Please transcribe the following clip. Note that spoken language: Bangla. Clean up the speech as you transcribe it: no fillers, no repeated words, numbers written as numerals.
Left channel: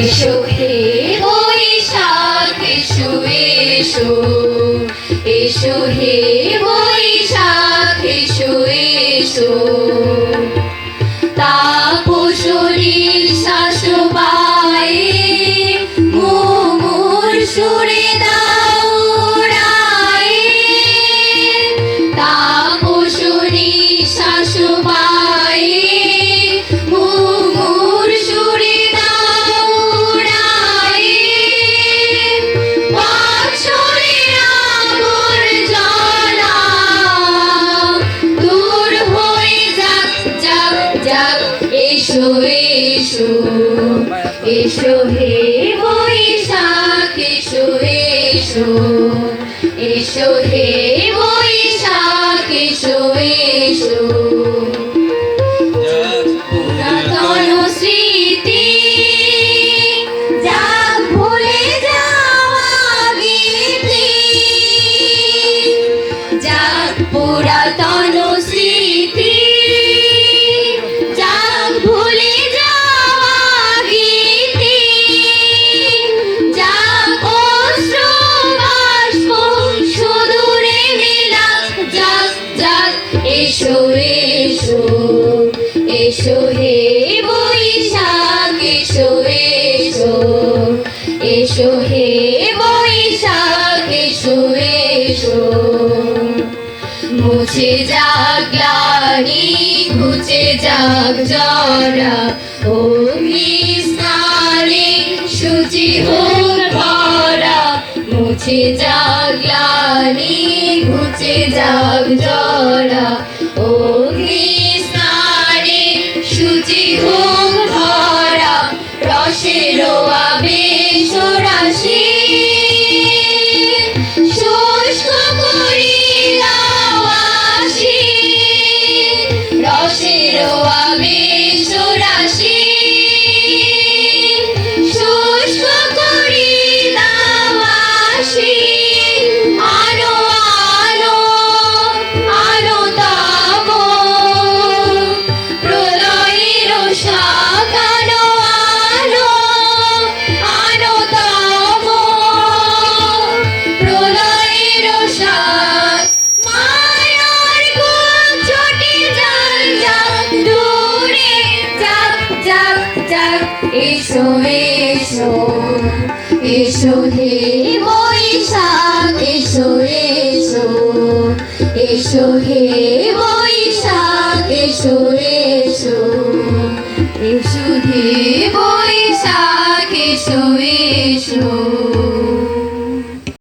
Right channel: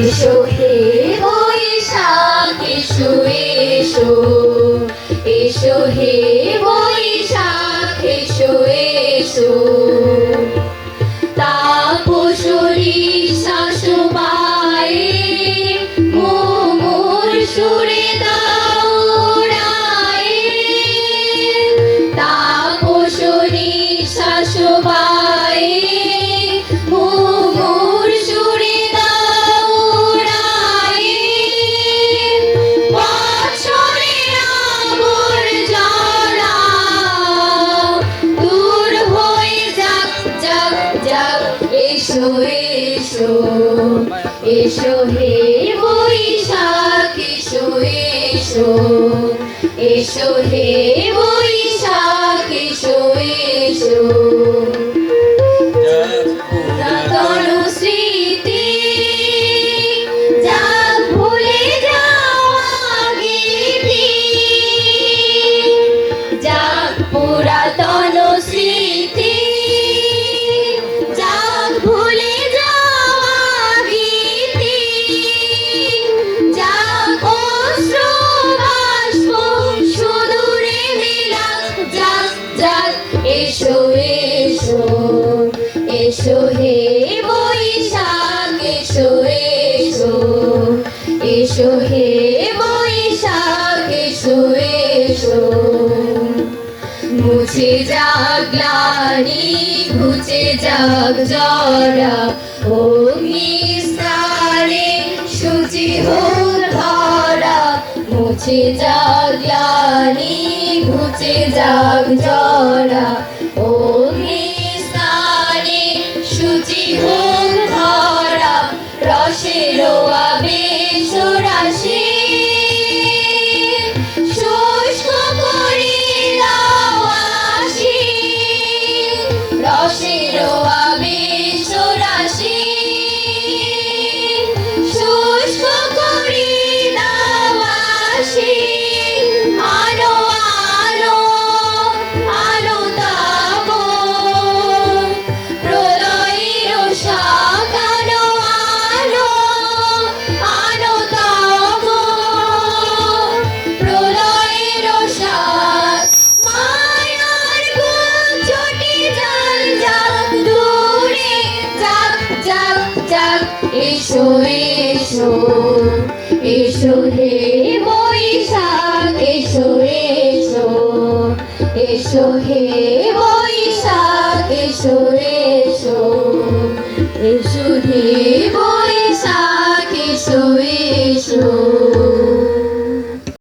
এসো হে বৈশাখ এসো এসো, এসো হে বৈশাখ এসো এসো। তাপসী শাশুবায়ে মুমুর সুরে দাও উড়ায়ে, তাপসী শাশুবায়ে মুমুর সুরে দাও উড়ায়ে। বৎসরের আগর জ্বালা দূর হয়ে যাক যাক যাক, এসো এসো, এসো হে বৈশাখ এসো এসো, এসো হে বৈশাখ এসো এসো। পুরাতন স্মৃতি যাক ভুলে যাওয়া গীতি, যাক পুরাতন স্মৃতি যাক ভুলে যাওয়া গীতি, যাক অশ্রু বাষ্প সুদূরে মিলাক যাক যাক, এসো এসো, এসো হে বৈশাখ এসো এসো, এসো হে বৈশাখ এসো এসো। মুছে যাক গ্লানি ঘুচে যাক জরা, অগ্নি স্নানে শুচি হোক ধরা। মুছে যাক গ্লানি ঘুচে যাক জরা, অগ্নি স্নানে শুচি হোক ধরা। রসের আবেশ রাশি শুষ্ক করি দাও আসি, রসের আবেশ রাশি শুষ্ক করি দাও আসি। আলো আলো আলো তাপ প্রলয়ের শাক, আলো আলো আলো তাপ প্রলয়ের শাক। মায়ার ছুটি যাক যাক দূরে যাক যাক যাক, এসো এসো, এসো হে বৈশাখ এসো এসো, এসো হে বৈশাখ এসো এসো, এসো হে বৈশাখ।